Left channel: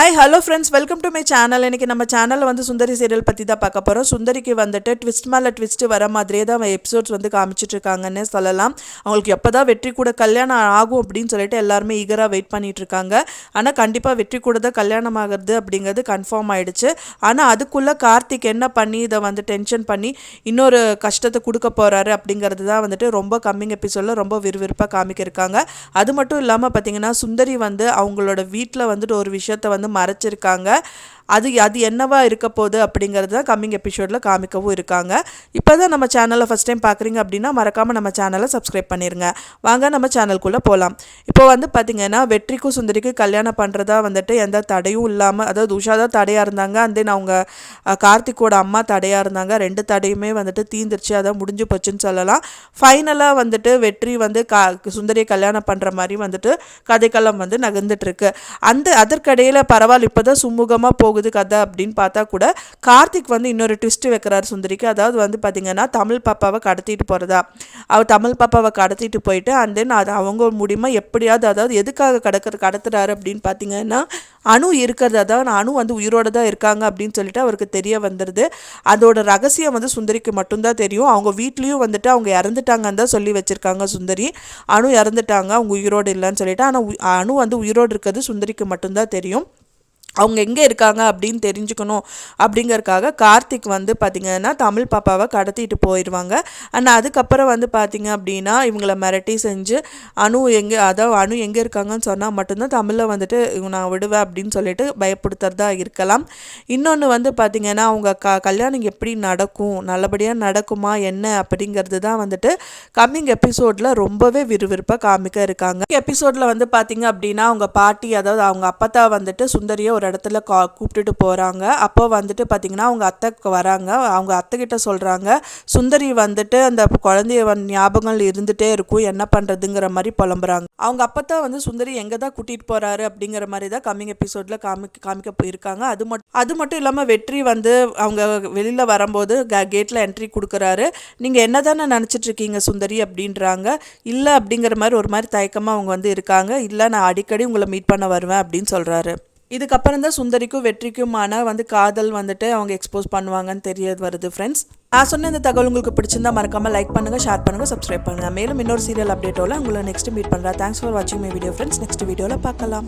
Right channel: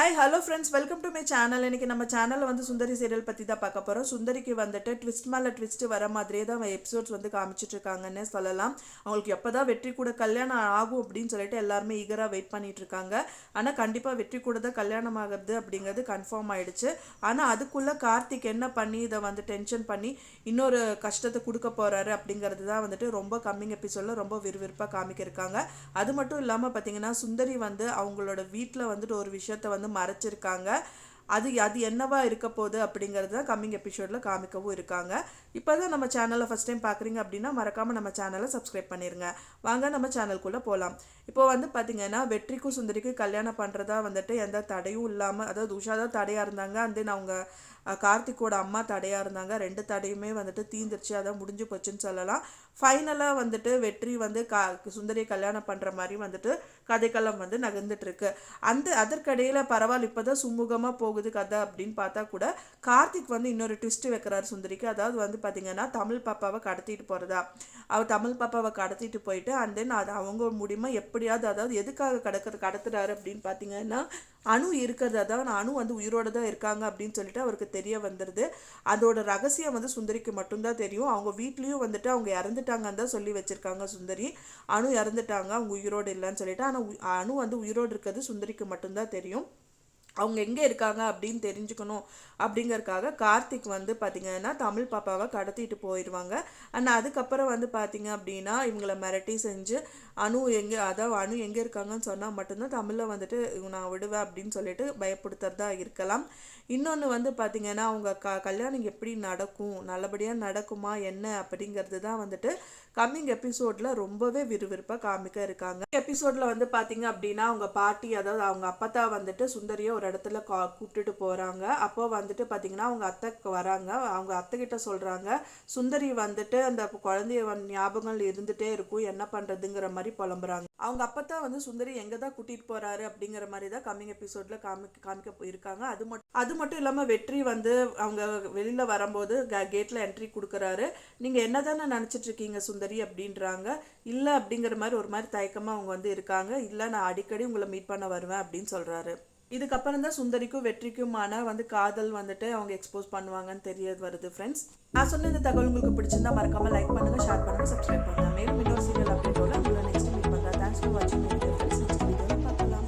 Hi hello friends, welcome to my channel. இன்றைக்கி நம்ம சேனலில் வந்து சுந்தரி சீரியல் பற்றி தான் பார்க்க போகிறோம். சுந்தரிக்கு வந்துட்டு ட்விஸ்ட் மேலே ட்விஸ்ட் வர மாதிரியே தான் எபிசோட்ஸ் வந்து காமிச்சிட்ருக்காங்கன்னு சொல்லலாம். அவங்களுக்கு எப்போ தான் வெற்றி கூட கல்யாணம் ஆகும் அப்படின்னு சொல்லிட்டு எல்லாருமே ஈகராக வெயிட் பண்ணிகிட்டு இருக்காங்க. ஆனால் கண்டிப்பாக வெற்றி கூட தான் கல்யாணம் ஆகிறது அப்படிங்கிறது கன்ஃபார்ம் ஆகிடுச்சு. ஆனால் அதுக்குள்ளே கார்த்திக் என்ன பண்ணி இதை வந்து டென்ஷன் பண்ணி இன்னொரு கஷ்டத்தை கொடுக்க போகிறாரு அப்படிங்கிறது தான் வந்துட்டு ரொம்ப கம்மிங் எபிசோடில் ரொம்ப விறுவிறுப்பாக காமிக்கிருக்காங்க. அது மட்டும் இல்லாமல் பார்த்திங்கன்னா சுந்தரி வந்து அவங்களோட வீட்டில் வந்துட்டு ஒரு விஷயத்தை வந்து மறைச்சிருக்காங்க. அது என்னவா இருக்க போகுது அப்படிங்கிறது தான் கம்மிங் எபிசோடில் காமிக்கவும் இருக்காங்க. இப்போ தான் நம்ம சேனலை ஃபஸ்ட் டைம் பார்க்குறீங்க அப்படின்னா மறக்காமல் நம்ம சேனலை சப்ஸ்கிரைப் பண்ணிடுங்க. வாங்க நம்ம சேனலுக்குள்ளே போகலாம். இப்போ வந்து பார்த்திங்கன்னா வெற்றிக்கும் சுந்தரிக்கும் கல்யாணம் பண்ணுறதா வந்துட்டு எந்த தடையும் இல்லாமல், அதாவது உஷா தான் தடையாக இருந்தாங்க, அண்ட் தென் அவங்க கார்த்திக்கோட அம்மா தடையாக இருந்தாங்க. ரெண்டு தடையுமே வந்துட்டு தீந்துருச்சு, அதான் முடிஞ்சு போச்சுன்னு சொல்லலாம். ஃபைனலாக வந்துட்டு வெற்றி வந்து சுந்தரியை கல்யாணம் பண்ணுற மாதிரி வந்துட்டு கதைக்களம் வந்து நகர்ந்துட்டுருக்கு. அதற்கிடையில் பரவாயில்ல இப்போ தான் சுமூகமாக போகுது கதை அப்படின்னு பார்த்தா கூட கார்த்திக் வந்து இன்னொரு ட்விஸ்ட் வைக்கிறார் சுந்தரிக்கு. அதாவது வந்து பார்த்திங்கன்னா தமிழ் பாப்பாவை கடத்திட்டு போகிறதா, அவர் தமிழ் பாப்பாவை கடத்திட்டு போயிட்டு அண்ட் தென் அது அவங்க முடியுமா எப்படியாவது, அதாவது எதுக்காக கடத்துறாரு அப்படின்னு பார்த்தீங்கன்னா அணு இருக்கிறது, அதாவது அணு வந்து உயிரோடு தான் இருக்காங்க அப்படின்னு சொல்லிட்டு அவருக்கு தெரிய வந்துடுது. அதோட ரகசியம் வந்து சுந்தரிக்கு மட்டும்தான் தெரியும். அவங்க வீட்லேயும் வந்துட்டு அவங்க இறந்துட்டாங்கன்னு தான் சொல்லி வச்சுருக்காங்க சுந்தரி. அணு இறந்துட்டாங்க, அவங்க உயிரோடு இல்லைன்னு சொல்லிட்டு. ஆனால் அணு வந்து உயிரோடு இருக்கிறது சுந்தரிக்கு மட்டும்தான் தெரியும். அவங்க எங்கே இருக்காங்க அப்படின்னு தெரிஞ்சுக்கணும் அப்படிங்கிறதுக்காக கார்த்திக் வந்து பார்த்திங்கன்னா தமிழ் பாப்பாவை கடத்திட்டு போயிடுவாங்க. அண்ட் அதுக்கப்புறம் வந்து பார்த்திங்க அப்படின்னா இவங்களை மிரட்டி செஞ்சு அணு எங்கே இருக்காங்கன்னு சொன்னால் மட்டும்தான் தமிழில் வந்துட்டு நான் விடுவேன் அப்படின்னு சொல்லிட்டு பயப்படுத்துறதா இருக்கலாம். இன்னொன்று வந்து பார்த்திங்கன்னா அவங்க கல்யாணம் எப்படி நடக்கும், நல்லபடியாக நடக்குமா என்ன அப்படிங்கிறது தான் வந்துட்டு கம்மிங் எபிசோடில் ரொம்பவே விறுவிறுப்பாக காமிக்க இருக்காங்க. எபிசோடில் வந்து பார்த்திங்க அப்படின்னா அவங்க பாட்டி, அதாவது அவங்க அப்பத்தா வந்துட்டு சுந்தரியை ஒரு இடத்துல கூப்பிட்டுட்டு போகிறாங்க. அப்போ வந்துட்டு பார்த்திங்கன்னா அவங்க அத்தைக்கு வராங்க. அவங்க அத்தைக்கிட்ட சொல்கிறாங்க சுந்தரி வந்துட்டு அந்த குழந்தைய ஞாபகங்கள் இருந்துகிட்டே இருக்கும், என்ன பண்ணுறதுங்கிற மாதிரி புலம்புறாங்க. அவங்க அப்பத்தான் வந்து சுந்தரி எங்கே தான் கூட்டிகிட்டு போகிறாரு அப்படிங்கிற மாதிரி தான் கம்மிங் எபிசோடில் காமிக்க போயிருக்காங்க. அது மட்டும் இல்லாமல் வெற்றி வந்து அவங்க வெளியில் வரும்போது கேட்டில் என்ட்ரி கொடுக்குறாரு. நீங்கள் என்ன தானே நினச்சிட்ருக்கீங்க சுந்தரி அப்படின்றாங்க. இல்லை அப்படிங்கிற மாதிரி ஒரு மாதிரி தயக்கமாக அவங்க வந்து இருக்காங்க. இல்லை, நான் அடிக்கடி உங்களை மீட் பண்ண வருவேன் அப்படின்னு சொல்கிறாரு. இதுக்கப்புறம் தான் சுந்தரிக்கும் வெற்றிக்குமான வந்து காதல் வந்துட்டு அவங்க எக்ஸ்போஸ் பண்ணுவாங்கன்னு தெரிய வருது. ஃப்ரெண்ட்ஸ், நான் சொன்ன இந்த தகவல் உங்களுக்கு பிடிச்சிருந்தா மறக்காமல் லைக் பண்ணுங்கள், ஷேர் பண்ணுங்கள், சப்ஸ்கிரைப் பண்ணுங்கள். மேலும் இன்னொரு சீரியல் அப்டேட்டோட உங்களை நெக்ஸ்ட் மீட் பண்ணுறேன். தேங்க்ஸ் ஃபார் வாட்சிங் மை வீடியோ ஃப்ரெண்ட்ஸ். நெக்ஸ்ட் வீடியோவில் பார்க்கலாம்.